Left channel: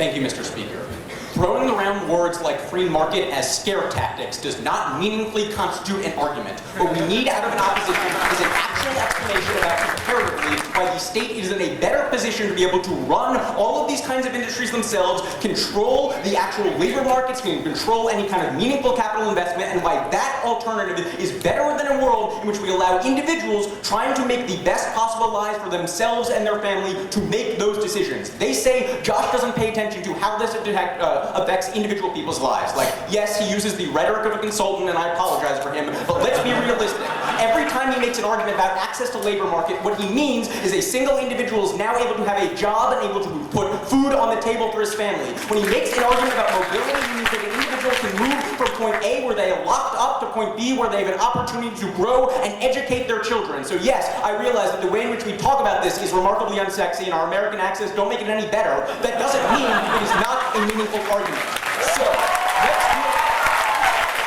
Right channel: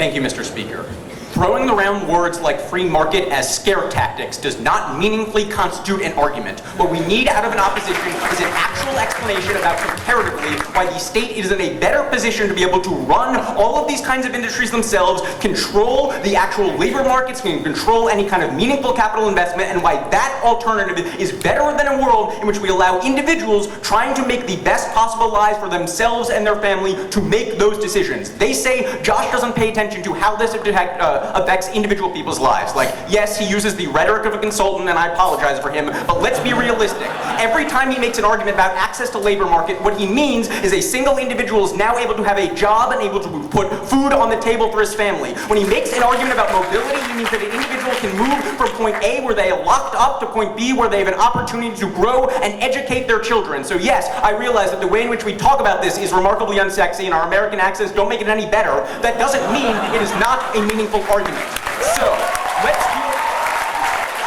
Thank you, Mr. Speaker. Throwing around words like free market as scare tactics does not meaningfully constitute an argument. What we need out of an opposition is an actual explanation about comparatively why the state is in a better position to be able to run all of these kinds of industries themselves, control the actual labor markets, can control any kind of meaningful capital investment, and why that alternative is better than a world in which we allow individuals trying to make the best possible lives for themselves and their family to make those decisions. They say Josh doesn't pay attention to how this affects individual people's lives. Like, yes, he uses the rhetoric of a consultant, and I apologize for him, but let's be realistic. Every time he makes an argument about access to labor market, what he means is a single individual is now able to have a job and able to put food on the table for his family. When he makes an argument about mobility, he means that an individual can move from point A, where they are locked up, to point B, where they have an opportunity to grow and educate their children. So yes, I realize that the way in which we talk about this is remarkably unsexy, and our American accents don't make it any better. That doesn't mean it is not a meaningful argument. So,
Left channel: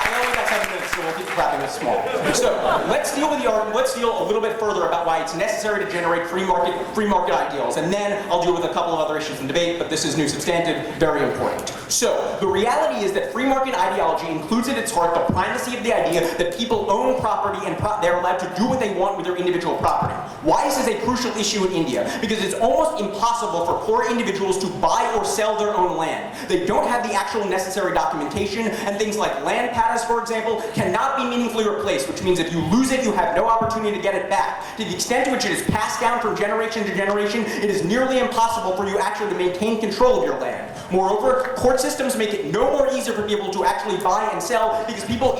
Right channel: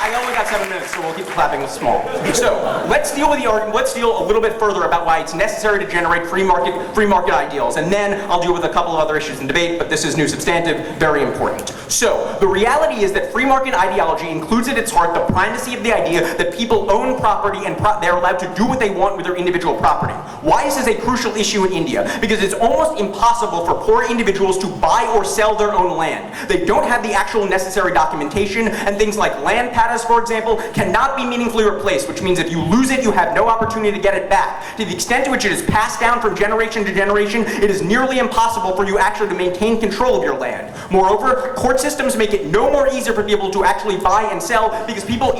I only got 7 minutes, so we'll keep clapping, it's small. So, let's deal with the argument, let's deal a little bit further about why it's necessary to generate free market ideals, and then I'll deal with a couple of other issues in debate, but this is new substantive, very important. So, the reality is that free market ideology includes at its heart the primacy of the idea that people own property and they're allowed to do what they want with their individual property. Why is this a crucial issue in India? Because it's almost impossible for poor individuals to buy or sell their own land. They don't have the actual necessary documentation, and things like land pattas, for example, cannot be meaningfully replaced, which means if you lose it, you have no opportunity to get it back. To the extent to which it is passed down from generation to generation, it is nearly impossible for you actually to maintain control of your land. Moreover, court systems make it no more easier for people to actually buy and sell because poor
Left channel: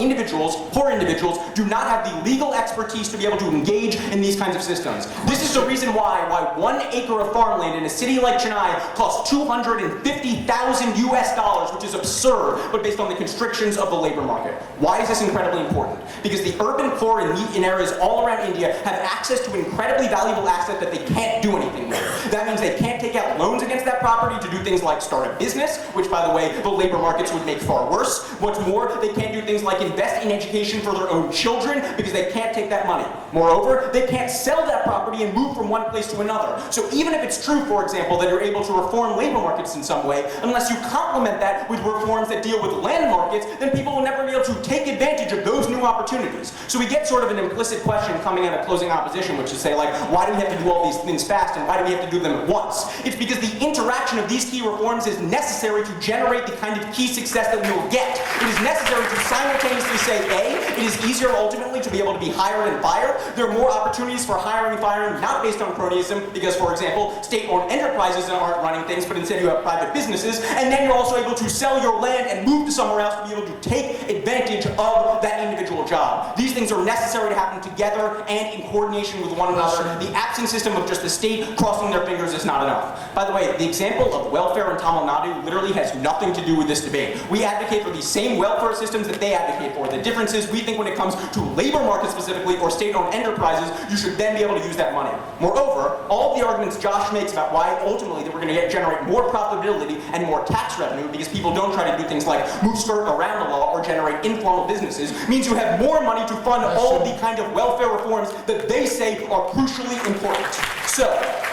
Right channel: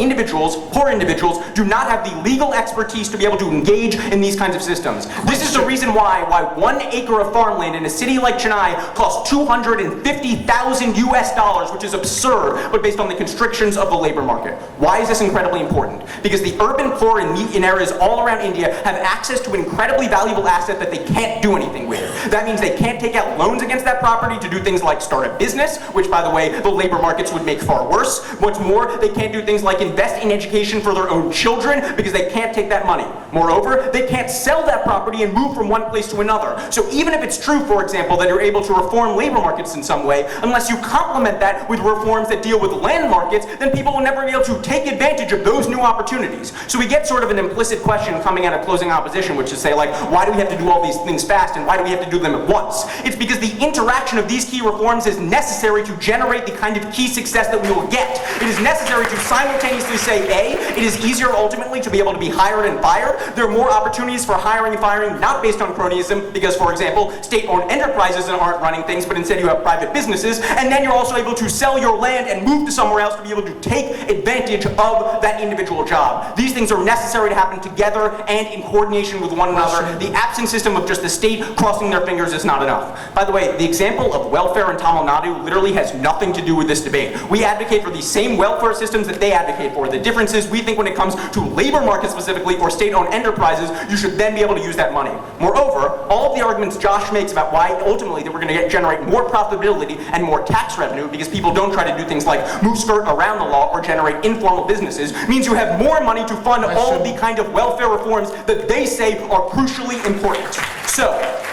individuals, do not have the legal expertise to be able to engage in these kinds of systems. This is the reason why 1 acre of farmland in a city like Chennai costs $250,000 US, which is absurd, but based on the constrictions of the labor market. Why is this incredibly important? Because the urban poor in areas all around India have access to an incredibly valuable asset that they can't do anything with. That means they can't take out loans against that property to do things like start a business, which, by the way, the labor markets would make far worse. What's more, they can't do things like invest in education for their own children because they can't take that money. Moreover, they can't sell that property and move from one place to another. So even if it's true, for example, that you're able to reform labor markets in some way, unless you complement that with reforms that deal with land markets, then people will never be able to take advantage of those new opportunities. So we get sort of an implicit question coming out of closing opposition, which is say, like, why do we have to do all these things fast, and why do we have to do them at once? It's because the interaction of these key reforms is necessary to generate the kind of key success that we will get. It is necessary to simultaneously say, A, it is easier ultimately to be able to be hired and fired. There are more opportunities for hiring and firing, not based on cronyism, because, for example, state-owned enterprises aren't running things, but instead you have private businesses, and then you're also able to sell your land and move to somewhere else to be able to take advantage of that individual job. These things are necessary to happen together and in coordination with one another. The absent system of just the state crossing their fingers is not enough. By the way, the example of welfare in Tamil Nadu literally has nothing to do with this debate. We advocate for the same welfare systems that they advocate for. The difference is we think when it comes to labor markets specifically or state-owned enterprises, you should then be able to use that money. Moreover, all of the arguments Josh makes about why ultimately that we're going to generate more profitability and more tax revenue because people don't try to do things like move skirt around the law or generate informal businesses means you have more money to fund all of the kind of welfare reforms that they say are crucially important. So,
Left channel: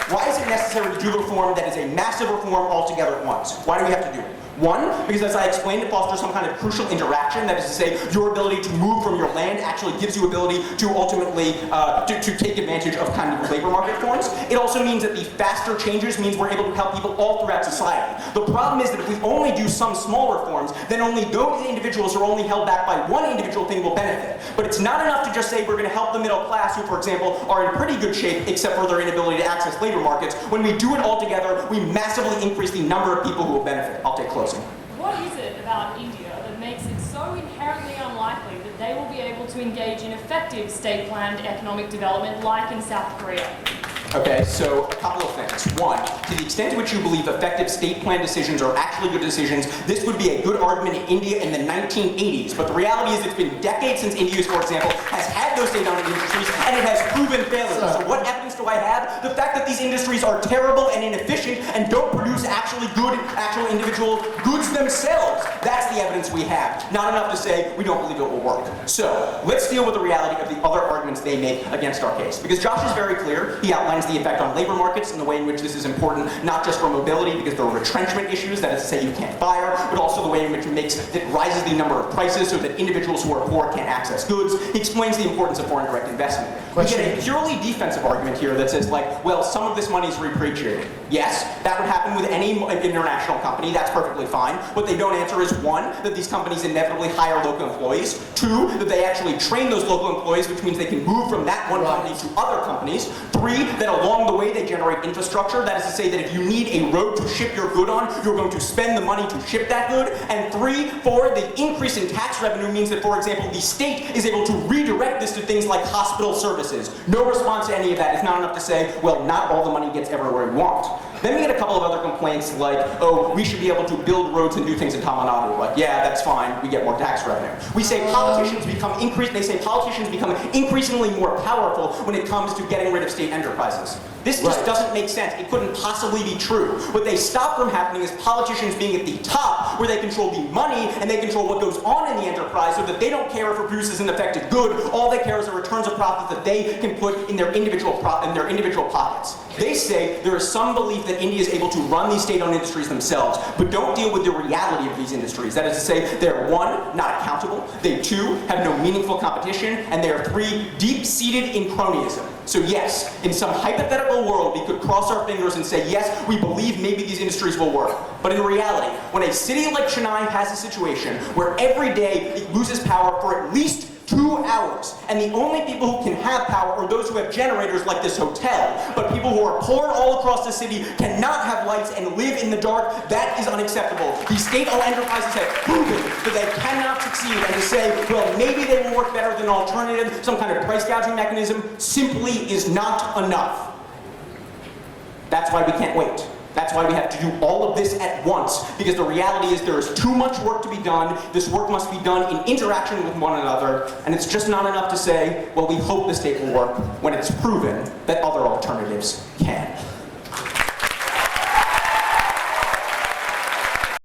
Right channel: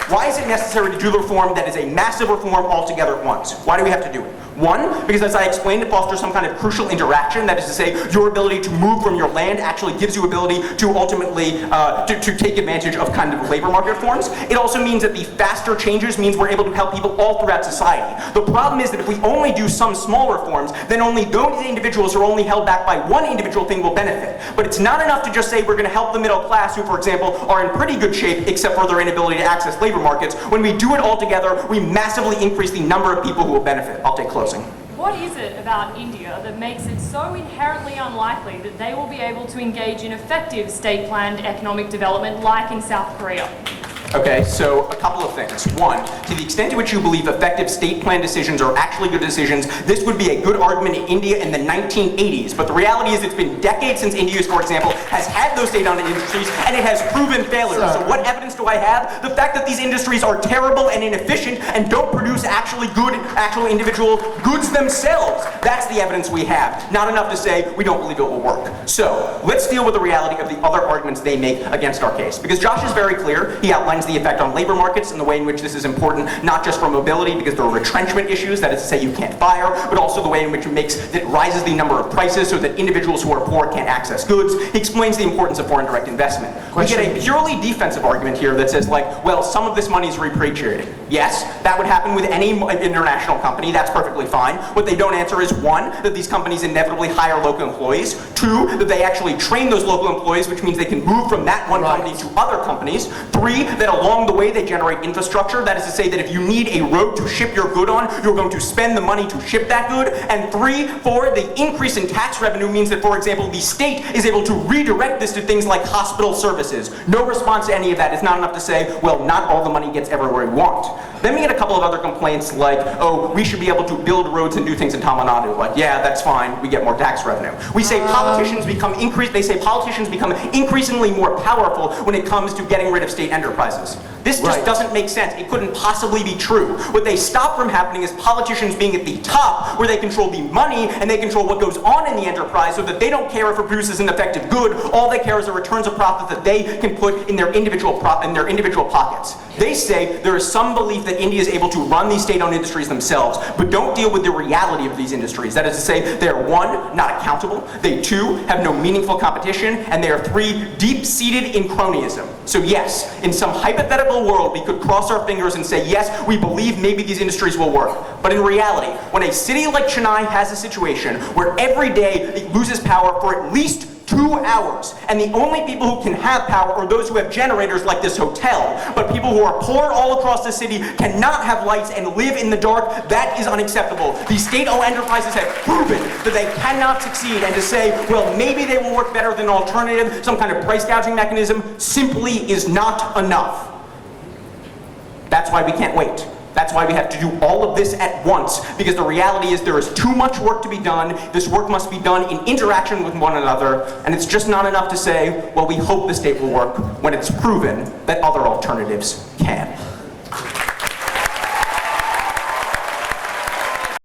why is it necessary to do the reform that is a massive reform altogether at once? Why do we have to do it? One, because as I explained, it fosters some kind of crucial interaction. That is to say, your ability to move from your land actually gives you ability to ultimately to take advantage of kind of labor market reforms. It also means that the faster changes means we're able to help people all throughout society. The problem is that if we only do some small reforms, then only those individuals who are only held back by one individual thing will benefit. But it's not enough to just say we're going to help the middle class who, for example, are in pretty good shape except for their inability to access labor markets. When we do it all together, we massively increase the number of people who will benefit. I'll take closing. What is it about India that makes it so inherently unlikely that they will be able to engage in effective state-planned economic development like in South Korea? Okay, so a couple of things. One, to the extent to which you believe effective state-planned decisions are actually good decisions, this would be a good argument in India in the 1980s. But the reality is it's been decades since India, for example, has had those state-owned industries, and it has proven failure. So what evidence do I have? The fact that these industries are terrible and inefficient and don't produce actual individual goods themselves. That's the evidence we have. Not enough to say we don't believe it will work. So let's deal with the reality of the other arguments they make against our case. Because Josh is very clear. He outlined outlines the effect on labor markets and the way in which this is important, not just for mobility because there are retrenchment issues, that is to say you can't fire, but also the way in which it rises the number of prices so that individuals who are poor can't access goods. He explains the importance of foreign direct investment. We get a purely defensive argument here that says, like, well, some of this money is repatriated. Yes, that would happen with any international company. That's perfectly fine. What they don't answer is, one, that these companies inevitably hire local employees. Two, that they actually train those local employees, which means they can move from that one company to other companies. Three, that along the way they generate infrastructure. That is to say that if you need a road to ship your good on, you're going to spend the money to ship that good. And four, the increase in tax revenue means that, for example, the state is able to redirect this to things like hospital services. No response to any of that is not enough to say, well, not all the money gets everywhere we want. Then we get a couple of other complaints like, oh, we should be able to build roads and do things in Tamil Nadu. Like, yeah, that's fine, we get more tax revenue. We say politicians become increasingly more powerful when it comes to getting rid of state enterprises. This just doesn't make sense. It couldn't possibly be true. What they stop from happening is politicians being at the top, where they control the money and they control what goes on in the enterprise, so that they don't care if it produces an effective good. All they care is the returns of profits that they can put in their individual pockets. They say there is some belief that India is able to run these state-owned industries themselves, but don't deal with the reality of these industries. That is to say, they're one, not accountable. They two, have no meaningful competition, and they are three, deep-seated in cronyism. So yes, in some hypothetical world, we could cross our fingers and say, yes, we believe maybe these industries will work. But in reality, when a city like Chennai has a situation where every day it loses power for at least 2 hours, and the only people who can have power are those who have generators like this hotel, but people who are poor all across the city cannot have lights and live in the dark, that is unacceptable. These state-owned enterprises have proven that they cannot succeed, and to say, well, maybe they will work better than an alternative, some kind of price gouging mechanism, simply is not enough. That's why we can't wait. That's why we have to do all of this at once, because the reality is there is too much work to be done. This work must be done in interaction with one another, and it's just not enough to say, well, we hope the state will work, when it's proven that other alternatives can.